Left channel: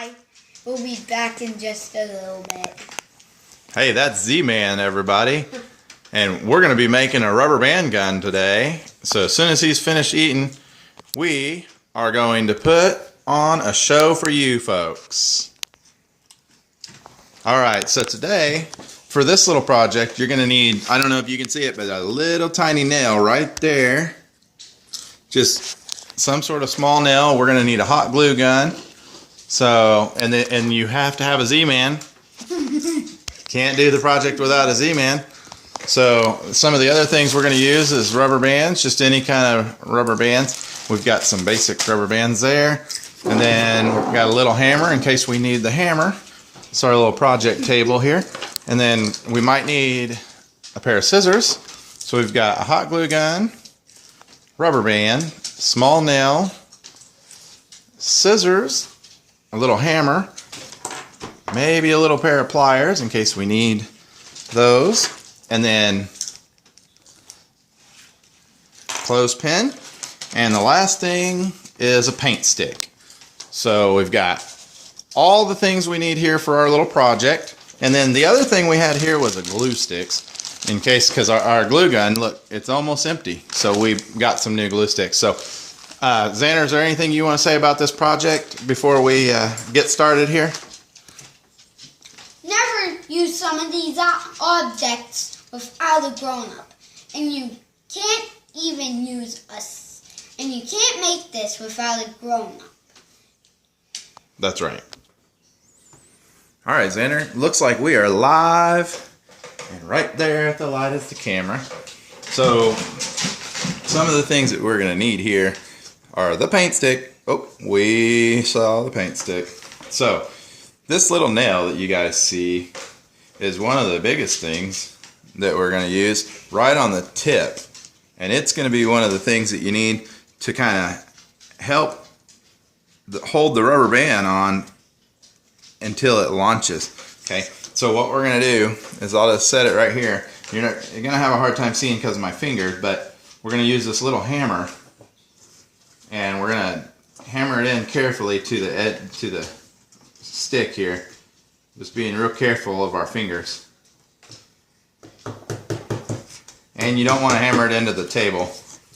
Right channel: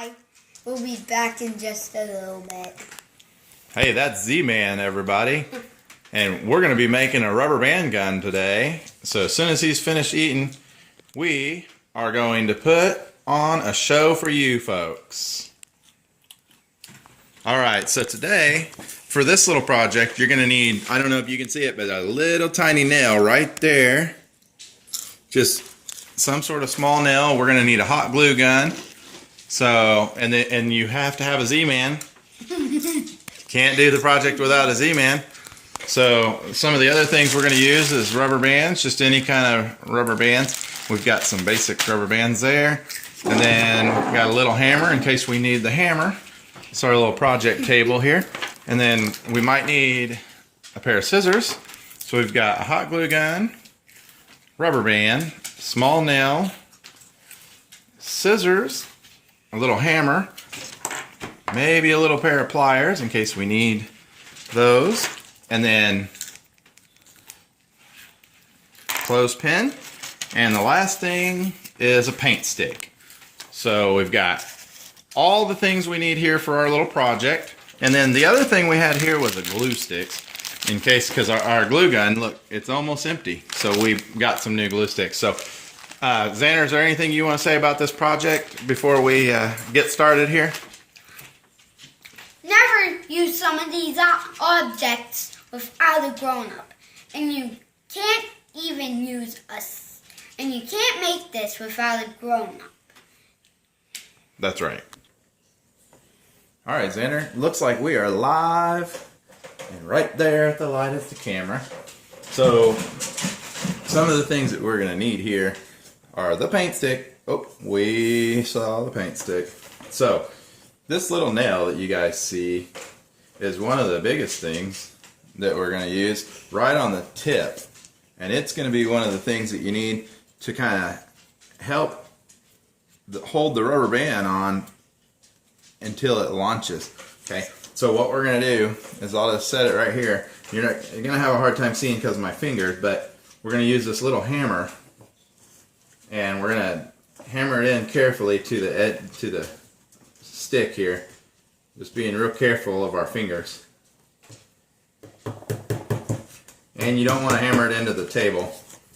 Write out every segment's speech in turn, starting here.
Hi. We'll be back in just a little bit. Hey, that's Z-Man, everybody. And we're going to be making a rubber band gun today. So as soon as he's finished eating, we are going to put on a show for you folks. Alright, so today, for this little project, you're going to need, I don't know if you can see it, but a little tiny nail right there. Just some sort of small nail. We're going to need a hot glue gun. So, and you have to have a Z-Man. Can't do the project without a Z-Man. So some of the other things we're going to use is rubber bands, just any kind of rubber bands. We've got some basic rubber bands there. And then we've got a little hammer in case we need the hammer. It's our little project table here. And then we might need a pair of scissors. So we've got a hot glue gun, rubber band, small nail, scissors, a little hammer, maybe a little pair of pliers in case we need those, and then clothespin, and the last thing is a paint stick. So we've got all the things we need here for our little project, and then the other thing we had here was a glue sticks in case, because our glue gun, look, it's almost empty, so we've got some new glue sticks. So Xander, is there anything you want to say about this project before we get started here? Never use some of these objects without a grown-up. And you can't even use and you can't make this without a grown-up. That's right. All right, Xander, looks like we are live. And right there at the light is the camera. So some of the things that we're going to need here are the paint stick. Oh, we saw the paint stick. So this little nail that you guys see is one of the biggest things that we're going to use right on the tip. And it's going to be one of the things that you need to kind of help hold the rubber band on until it launches. Okay, so what we're going to do is I'll just set it right here. You're going to have a hard time seeing because of my fingers, but we're going to use this little hammer. And we're going to hammer it in carefully to the stick here. Just being real careful of our fingers. And you don't want to hammer it into the table.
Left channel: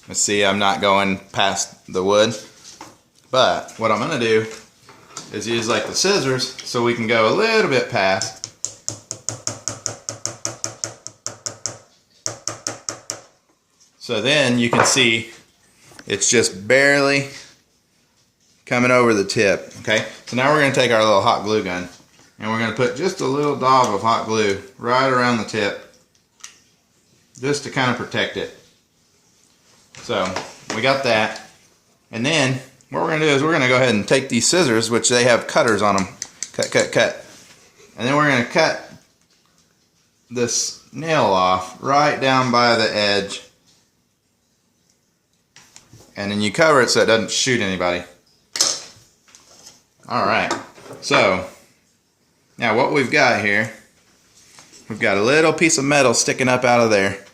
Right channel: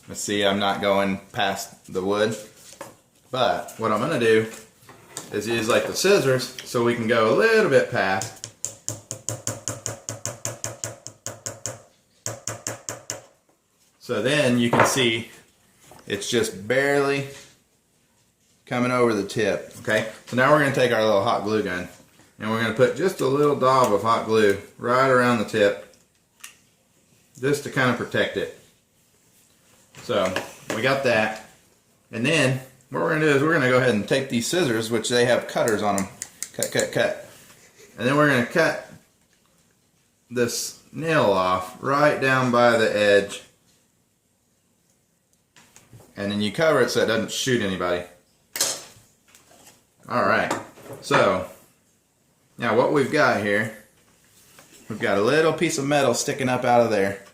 Let's see, I'm not going past the wood. But what I'm going to do is use like the scissors so we can go a little bit past. So then you can see it's just barely coming over the tip, okay? So now we're going to take our little hot glue gun and we're going to put just a little daub of hot glue right around the tip just to kind of protect it. So we got that. And then what we're going to do is we're going to go ahead and take these scissors, which they have cutters on them. Cut, cut, cut. And then we're going to cut this nail off right down by the edge. And then you cover it so it doesn't shoot anybody. Alright, so now what we've got here, we've got a little piece of metal sticking up out of there.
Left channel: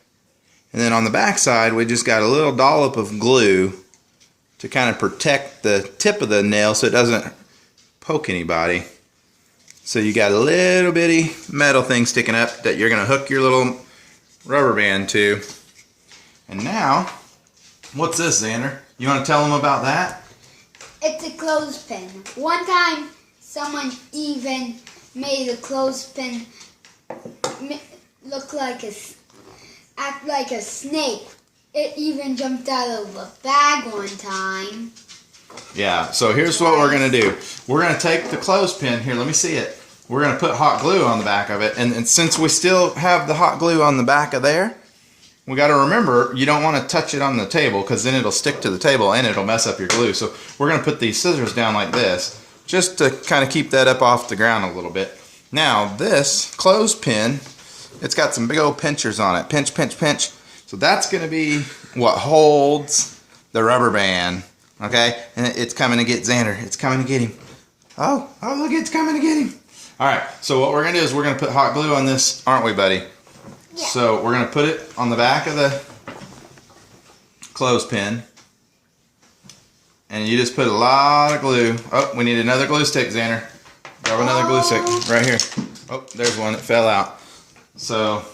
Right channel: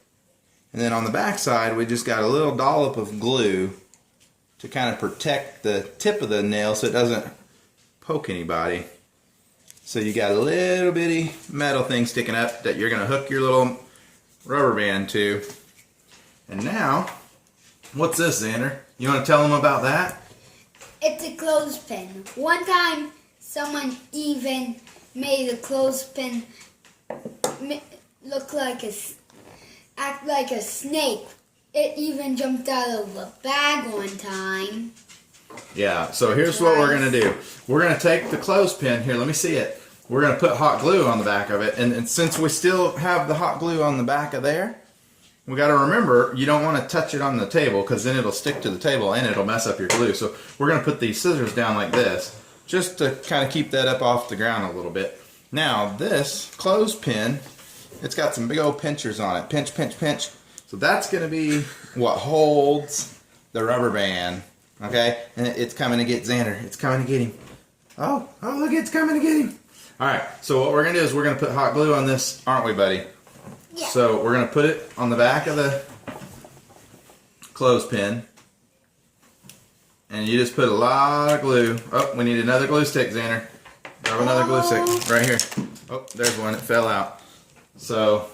And then on the back side, we just got a little dollop of glue to kind of protect the tip of the nail so it doesn't poke anybody. So you got a little bitty metal thing sticking up that you're going to hook your little rubber band to. And now, what's this, Xander? You want to tell them about that? It's a clothespin. One time, someone even made a clothespin look like act like a snake. It even jumped out of a bag one time. Yeah, so here's what we're going to do. We're going to take the clothespin, here, let me see it. We're going to put hot glue on the back of it. And since we still have the hot glue on the back of there, we got to remember, you don't want to touch it on the table because then it'll stick to the table and it'll mess up your glue. So we're going to put these scissors down like this just to kind of keep that up off the ground a little bit. Now this clothespin, it's got some big old pinchers on it. Pinch, pinch, pinch. So that's going to be what holds the rubber band. Okay? And it's coming to get Xander. It's coming to get him. Oh, look, it's coming to get him. Alright, so what we're going to do is we're going to put hot glue on this, aren't we, buddy? Yeah. So we're going to put it on the back of the clothespin. And you just put a lot of glue. Oh, we need another glue stick, Xander. Grab another glue stick right here. Oh, there's one that fell out. So,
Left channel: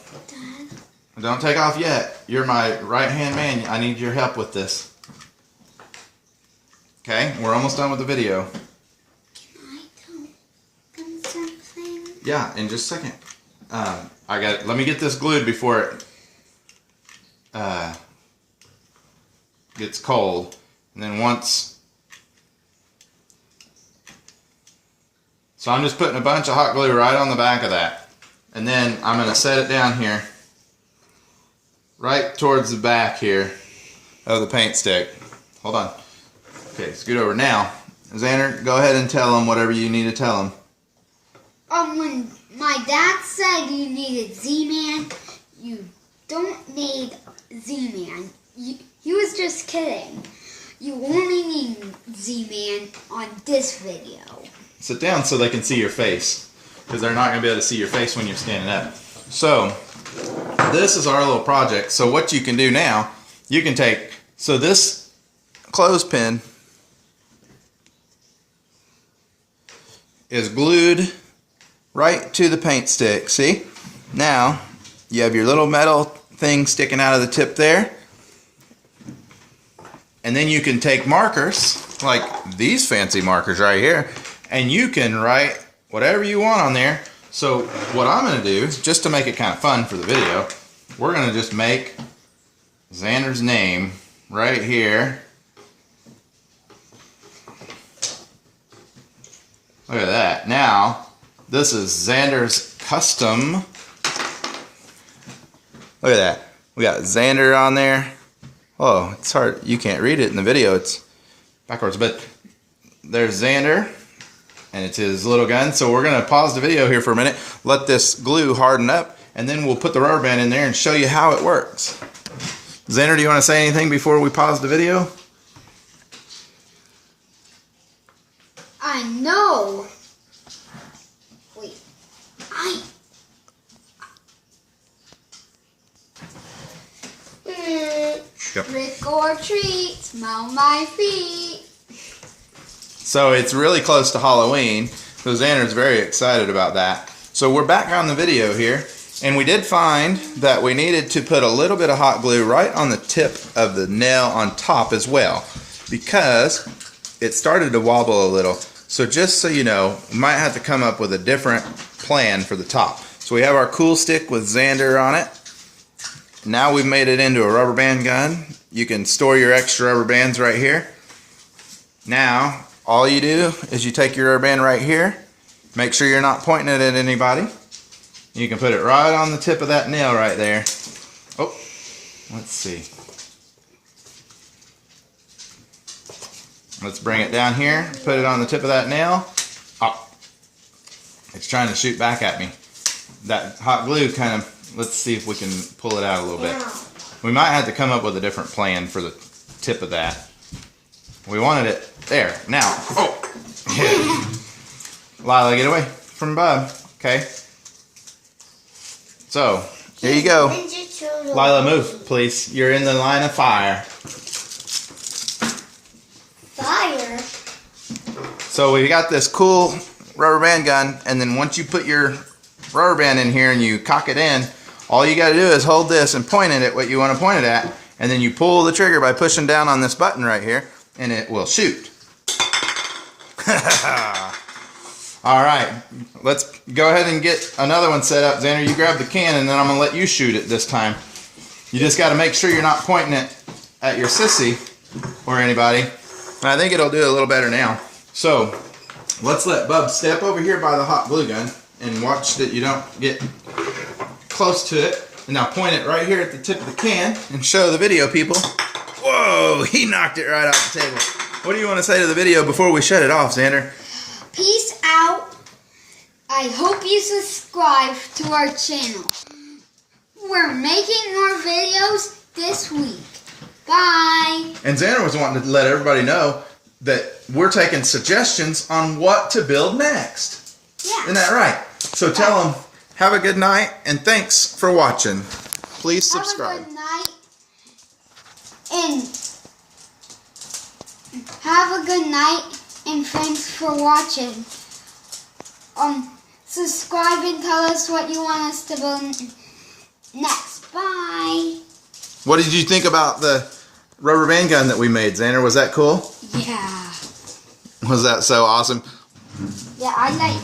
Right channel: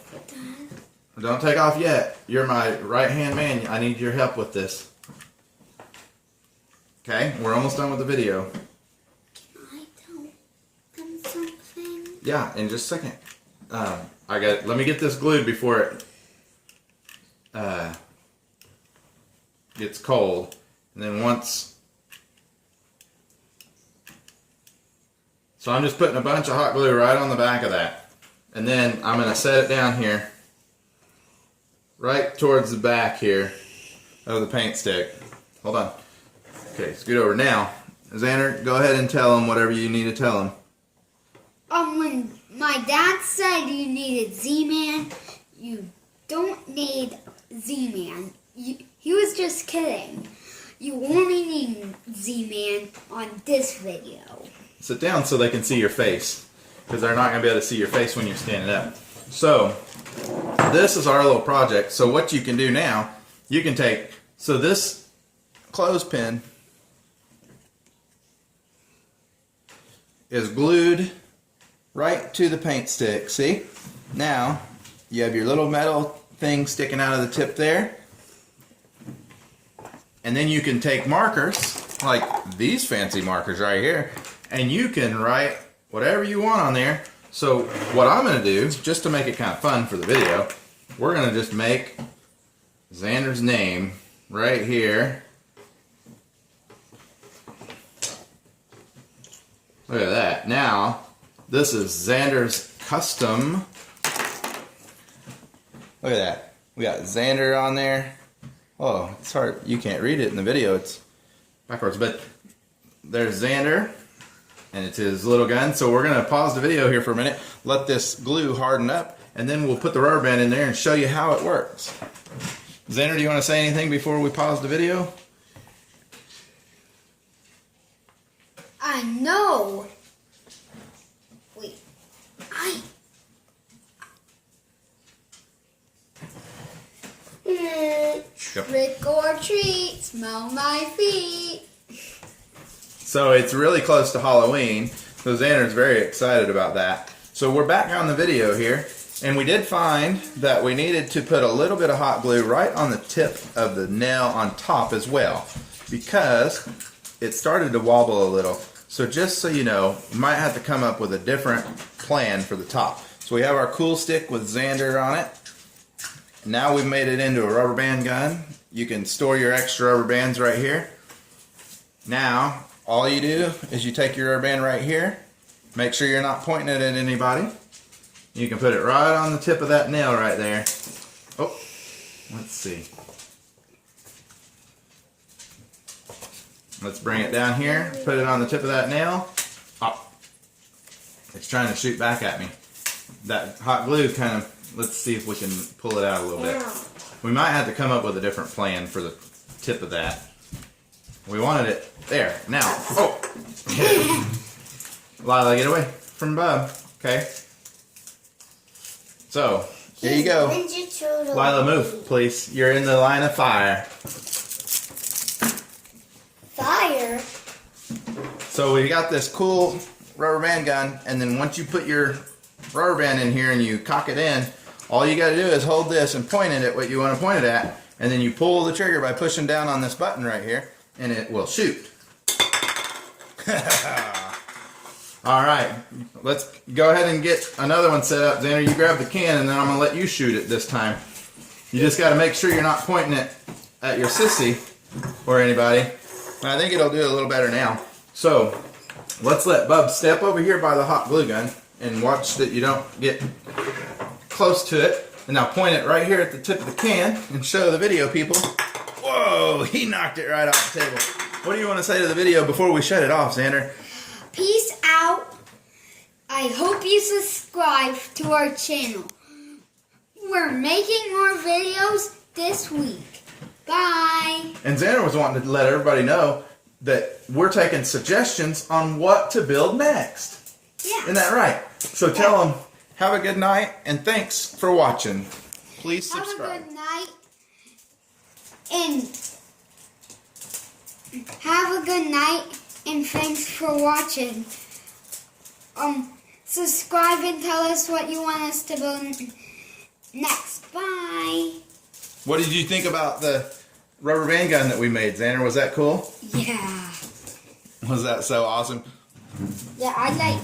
don't take off yet. You're my right-hand man. I need your help with this. Okay, we're almost done with the video. Can I tell them something? Yeah, in just a second. Let me get this glued before it gets cold. And then once... So I'm just putting a bunch of hot glue right on the back of that. And then I'm going to set it down here. Right towards the back here of the paint stick. Hold on. Okay, scoot over. Now, Xander, go ahead and tell them whatever you need to tell them. When my dad said you needed Z-Man, you don't need Z-Man. He was just kidding. You only need Z-Man on this video. Sit down so they can see your face, because they're not going to be able to see your face when you're standing up. So, this is our little project. So what you can do now, you can take, so this clothespin is glued right to the paint stick. See? Now, you have your little metal thing sticking out of the tip there. And then you can take markers, like these fancy markers right here, and you can write whatever you want on there. So what I'm going to do, just to make it kind of fun for the video, we're going to just make Xander's name right here. Look at that. Now, this is Xander's custom. Look at that. We got Xander on there. Oh, it's hard. You can't read it in the video. It's backwards. But there's Xander, and it's his little gun. So we're going to pause the video here for a minute, let this glue harden up, and then we'll put the rubber band in there and show you how it works. Xander, do you want to say anything before we pause the video? I know. Wait. Trick or treat, smell my feet. So it's really close to Halloween, so Xander's very excited about that. So we're back on the video here, and we did find that we needed to put a little bit of hot glue right on the tip of the nail on top as well, because it started to wobble a little. So just so you know, we might have to come up with a different plan for the top. So we have our cool stick with Xander on it. Now we've made it into a rubber band gun. You can store your extra rubber bands right here. Now, all you do is you take your rubber band right here. Make sure you're not pointing it at anybody. You can put it right on the tip of that nail right there. Oh, let's see. Let's bring it down here, put it on the tip of that nail. Oh, it's trying to shoot back at me. That hot glue kind of, let's see if we can pull it out a little bit. We might have to come up with a different plan for the tip of that. We wanted it there. Now, oh! Lila, get away from Bub. Okay. So, here you go. Lila, move, please. You're in the line of fire. Fire? So we got this cool rubber band gun, and then once you put your rubber band in here and you cock it in, all you got to do is hold this and point it at what you want to point it at, and then you pull the trigger by pushing down on this button right here, and it will shoot. All right, let's go ahead and get another one set up. Xander, you grab the can, and then I'm going to let you shoot it this time. You just got to make sure you're not pointing it at your sissy or anybody. And I think it'll do it a little better now. So, let's let Bub step over here by the hot glue gun and watch that you don't get close to it. And now point it right here at the tip of the can and show the video people. Whoa, he knocked it right off the table. What do you want to say to the video before we shut it off, Xander? Peace out. I hope you subscribe to our channel. We're making more videos this week. Bye. And Xander was wanting to let everybody know that we're taking suggestions on what to build next. Yeah. Isn't that right? So tell them, have a good night, and thanks for watching. Please subscribe. Have a good night. And have a good night, and thanks for watching. subscribe and tell us what you want us to build next. Bye. What did you think about the rubber band gun that we made, Xander? Was that cool? Yeah. Was that so awesome? Yeah, I like